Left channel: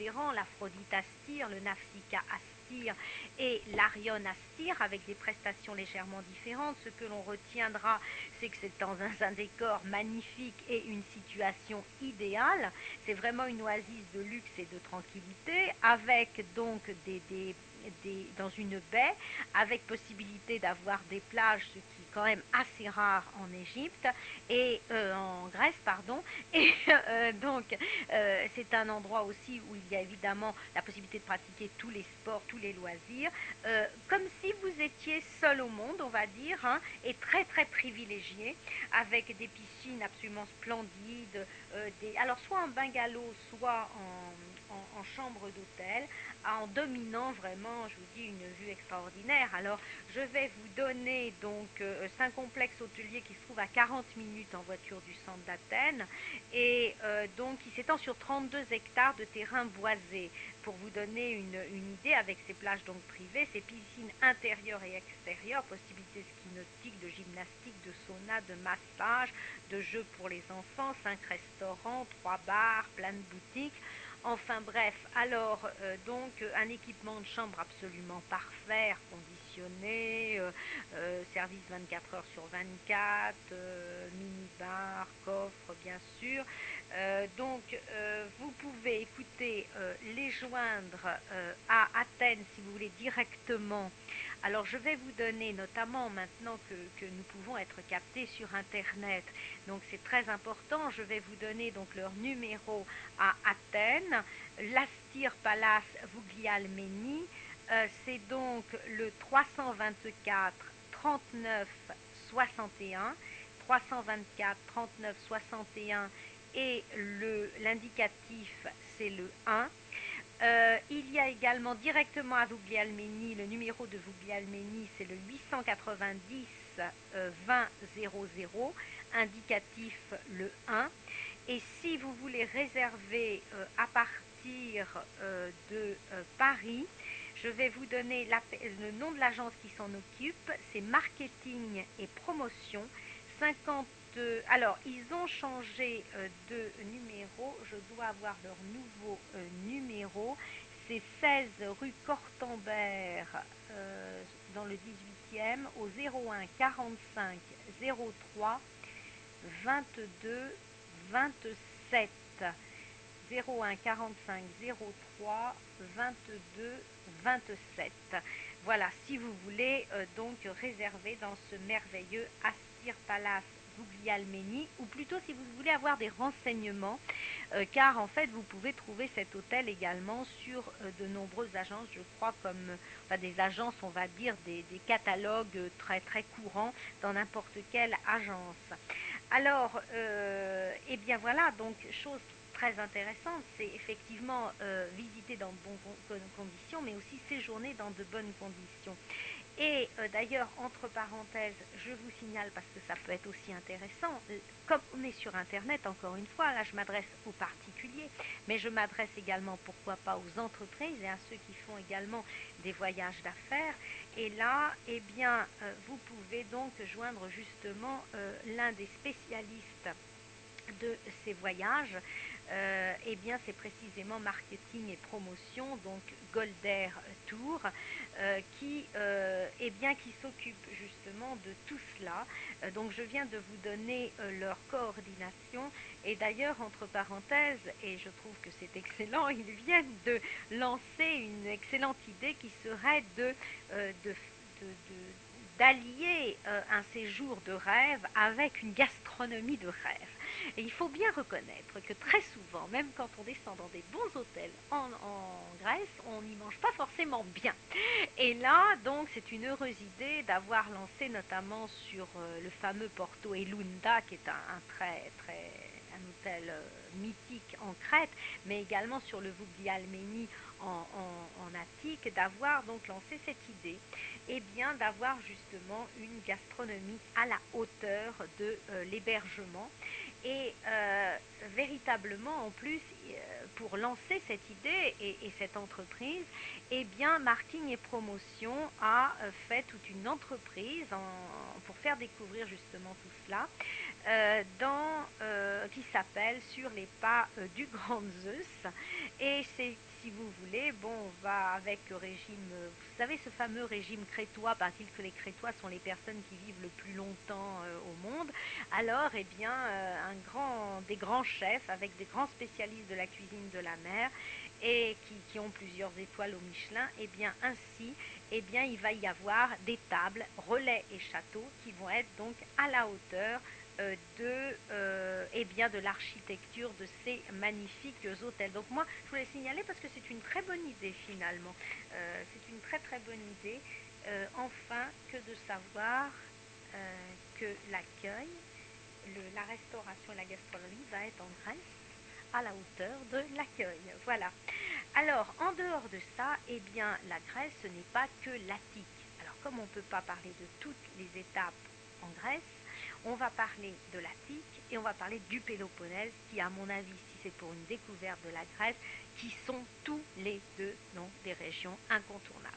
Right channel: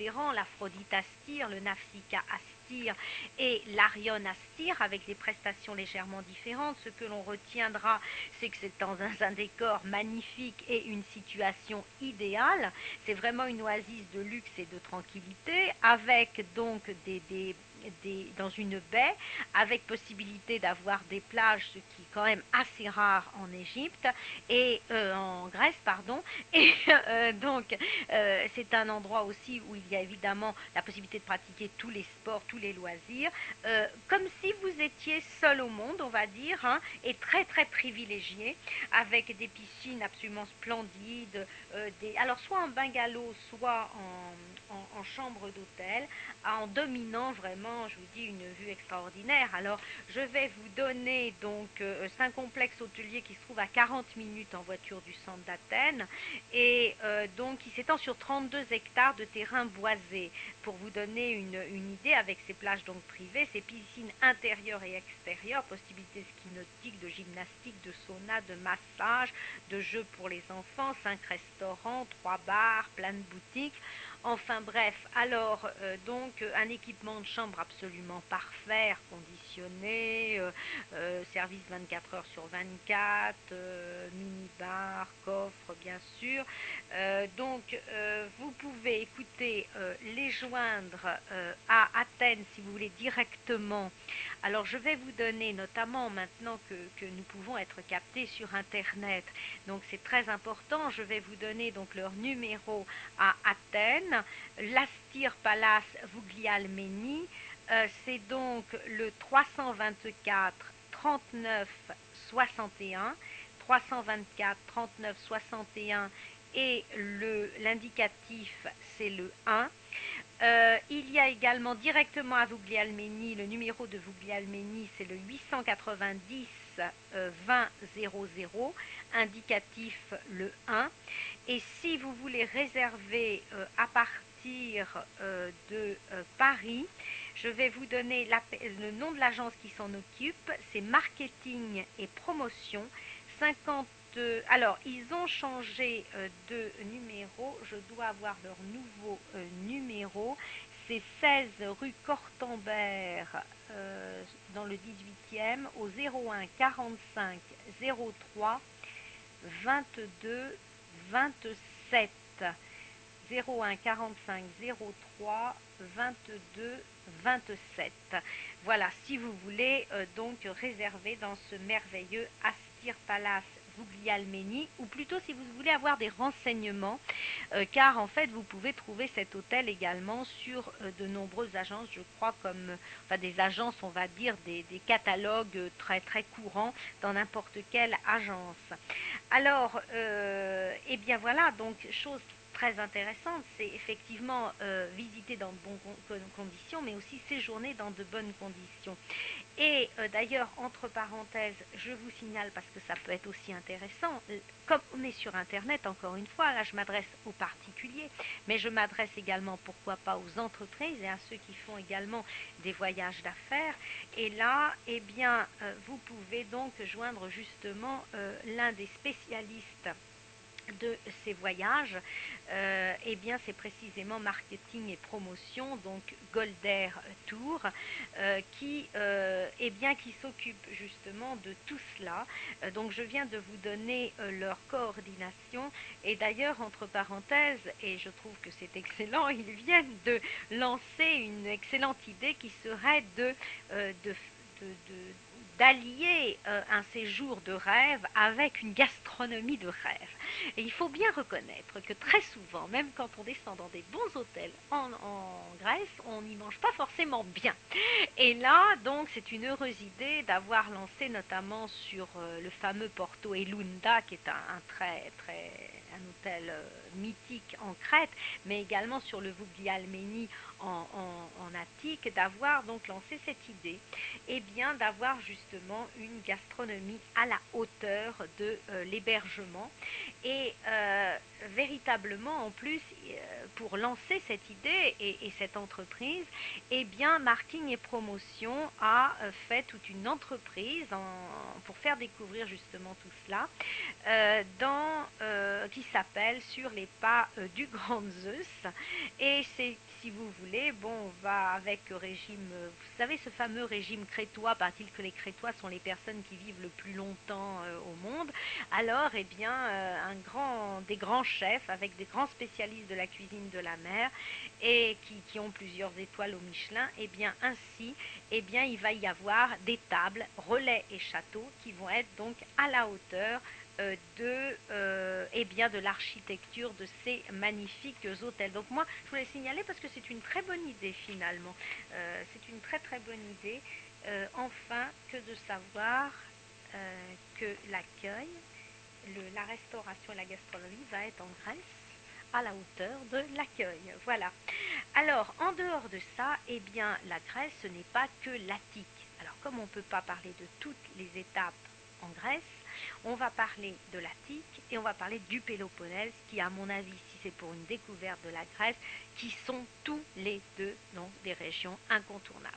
différents, l'Aphrodite Astir, le Nafsika Astir et l'Arion Astir, avec des prestations légèrement différentes. Ce que l'on retiendra, c'est que c'est dans un décor magnifique et une situation idéale. C'est vraiment une oasis de luxe et de tranquillité, avec donc dans une baie, avec possibilité d'avoir des plages, ce qui est quand même assez rare en Égypte, et en Grèce, pardon. Et c'est un endroit aussi où il y a évidemment la possibilité de pratiquer tous les sports, tous les loisirs, comme si vous étiez seul au monde, on va dire, hein, et très très privilégié, avec des piscines absolument splendides, alors soit en bungalow, soit en chambre d'hôtel, en dominant vraiment, je vous dis, une vue extraordinaire. Alors, je vais vous donner donc c'est un complexe hôtelier qui se trouve à 40 minutes en voiture du centre d'Athènes et donc qui s'étend sur 32 hectares de terrain boisé. Pour vous donner une idée, avec ses plages donc privées, ses piscines intérieures et extérieures, possibilités ski nautique, de gymnastique, de sauna, de massage, de jeux pour les enfants, 5 restaurants, 3 bars, plein de boutiques. Enfin bref, alors donc un équipement de chambre absolument parfait, conditionné, service 24 heures sur 24, mini-bar, coffre bien sûr. Vous pouvez écouter les joindre à Athènes si vous voulez directement. Alors je vais vous donner, notamment maintenant que nous pouvons être captés sur Internet, donc c'est très important, je vais vous donner donc leur numéro à Athènes, l'Astir Palace Vouglialmeni, c'est donc le 324 39 61, 324 39 61 et l'indicatif c'est le 1. Il y a également directement à Vouglialmeni, le numéro de Vouglialmeni c'est le 890 20 00, indicatif le 1. Et si vous voulez réserver à partir de Paris, je vais vous donner le nom de l'agence qui s'en occupe, c'est Marketing et Promotion 50. Alors, ils ont changé de numéro, je dois avoir leur nouveau numéro, c'est 16 rue Cortambert dans le 18e au 01 45 03 22 27. 01 45 03 22 27. Voilà, si vous voulez donc réserver dans ce merveilleux Astir Palace Vouglialmeni, ou plutôt si vous voulez avoir des renseignements, car en fait vous pouvez trouver cet hôtel également sur de nombreuses agences, je crois, comme enfin, des agences, on va dire, des catalogues très très courants dans n'importe quelle agence. Alors, eh bien voilà, donc chose très intéressante, c'est effectivement visiter dans de bonnes conditions, mais aussi séjourner dans de bonnes conditions. Et d'ailleurs, entre parenthèses, je vous signale, parce que ça peut être aussi intéressant, comme on est sur Internet, encore une fois, là je m'adresse aux particuliers, mais je m'adresse également, pourquoi pas, aux entreprises et à ceux qui font également des voyages d'affaires. Et là, eh bien, vous pouvez donc joindre justement l'un des spécialistes de ces voyages, eh bien c'est précisément marketing et promotion, donc Golder Tour, qui s'occupe justement de tout cela. Donc je viens de vous donner leur coordination, et d'ailleurs entre parenthèses, et je trouve que c'est excellent, ils viennent de lancer une excellente idée qui serait d'allier un séjour de rêve avec une gastronomie de rêve. Et il faut bien reconnaître que très souvent, même quand on descend dans des bons hôtels en Grèce, on n'y mange pas forcément bien. Et là, donc, c'est une heureuse idée d'avoir lancé notamment sur le fameux Porto Elunda, qui est un hôtel mythique en Crète, mais également sur le Vouglialmeni en Attique, d'avoir donc lancé cette idée, et bien d'avoir justement une gastronomie à la hauteur de l'hébergement. Et véritablement, en plus, pour lancer cette idée et cette entreprise, eh bien, Marketing et Promotion a fait toute une entreprise pour faire découvrir justement tout cela, qui s'appelle Sur les pas du Grand Zeus. Et si vous voulez, bon, on va avec le régime, vous savez, ce fameux régime crétois, paraît-il que les crétois sont les personnes qui vivent le plus longtemps au monde. Alors, eh bien, des grands chefs avec des grands spécialistes de la cuisine de la mer et qui ont plusieurs étoiles au Michelin, eh bien, ainsi, eh bien, il va y avoir des tables, relais et châteaux qui vont être donc à la hauteur eh bien, de l'architecture de ces magnifiques hôtels. Donc moi, je voulais signaler parce que c'est une très bonne idée finalement. C'est une très très bonne idée. Enfin, que de savoir que l'accueil, la restauration et la gastronomie va être en Grèce à la hauteur de l'accueil. Voilà. Alors, en dehors de ça, eh bien, la Grèce, ce n'est pas que l'Attique. Alors, comme on ne peut pas parler de toutes les étapes en Grèce, on va parler de l'Attique et on va parler du Péloponnèse, qui, à mon avis, si c'est pour une découverte de la Grèce, qui sont tous les deux donc des régions incontournables.